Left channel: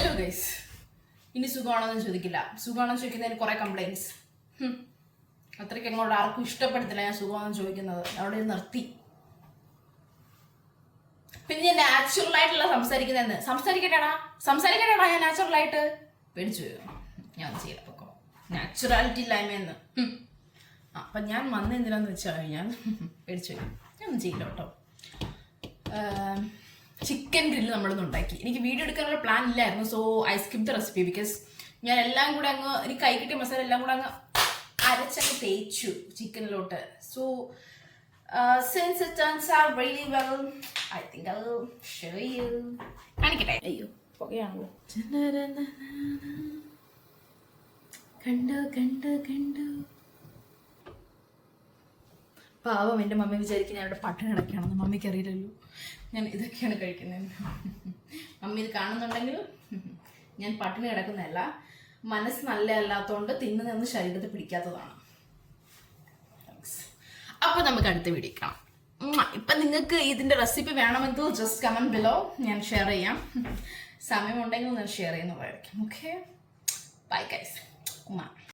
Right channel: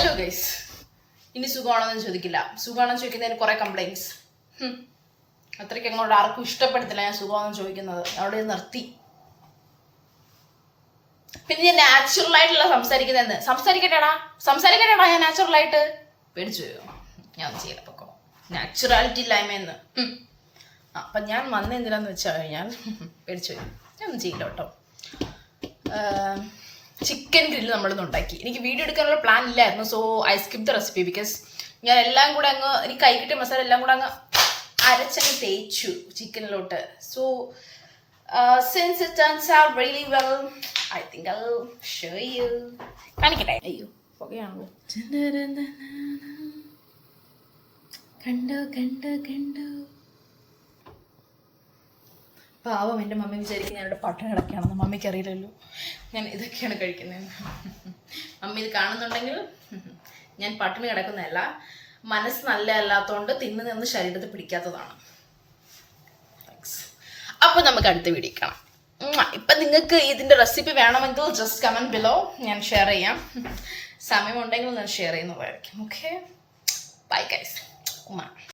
Hello guys, ഇനി സുഖമാണെന്ന് ചോദിക്കില്ല. സുഖമാണെന്ന് ചോദിക്കുന്നതിന് കുറെ കംപ്ലൈൻറ്റ്സ്. അത്രയ്ക്ക് അങ്ങോട്ട് ആർക്കും ഇഷ്ടപ്പെടുത്തില്ല ഞാൻ സുഖമാണെന്ന് ചോദിക്കുന്നത്. അവിടെ നിർത്തി. പിന്നെ ഞാൻ നാച്ചുറൽ ആയിട്ടുള്ള സംസാരിക്കുന്നതെന്ന് സംസാരിക്കട്ടെടാ ഞാൻ നാച്ചുറൽ ആയിട്ട്. പേടിച്ചു പോയോ? ഞാൻ ഒന്നും ചെയ്യില്ല, പൊക്കോ. നാച്ചുറാലിറ്റി ഇല്ലായ്മയെന്ന്. അപ്പൊ ഞാൻ വന്ന എന്തിനാന്ന് വെച്ചാൽ ഞാൻ പേടിച്ചു പോയി. ഞാൻ ഒന്നും ചെയ്യില്ല കേട്ടോ. ചിക്കൻ ഗ്രില്ല് നമ്മളിന്ന് ഉണ്ടാക്കി. എനിക്ക് വീഡിയോ എടുക്കാനുള്ള പ്ലാൻ ഇല്ലായിരുന്നു. So I skip the recipe because ഞാൻ എല്ലാം കൂടെ അങ്ങ് എനിക്ക് കൈ കിട്ടിയ മസാല എല്ലാം കൂടെ അങ്ങ് അരച്ചങ്ങ് തേച്ചു ചിക്കനിലോട്ട്. So since it turns out really well, I think I will show you. കാണിക്കട്ടെ. അയ്യോ പുകയാണല്ലോ. കണ്ടോ പാവം എൻ്റെ മമ്മി വിചാരിക്കും ഞാനിവിടെ പട്ടിണി കിടക്കുകയാണെന്ന്. മമ്മിക്ക് അറിയില്ലല്ലോ ഞാൻ ഇതൊക്കെയാണ് കഴിക്കുന്നതെന്ന്. മമ്മി ഇത് കാണുന്നുണ്ടെങ്കിൽ ഞാൻ പട്ടിണി കിടക്കുന്നതല്ല, മനസ്സ് നല്ല അല്ലാത്തതുകൊണ്ട് തിന്നു നിന്ന് ശരീരത്തിൽ പിടിക്കാത്തതാണ്. അപ്പോൾ നമുക്ക് അടുത്ത വീഡിയോ കാണാം. ഇപ്പം നിങ്ങൾക്ക് ഇതിൻ്റെ റെസിപ്പി വേണമെങ്കിൽ ജസ്റ്റ് കമൻറ്റ് ബിലോ, ഞാൻ ഷെയർ ചെയ്യാം. സമയമുണ്ടെങ്കിൽ ഞാൻ ഷെയർ ചെയ്യുന്നതായിരിക്കും. Okay, bye guys.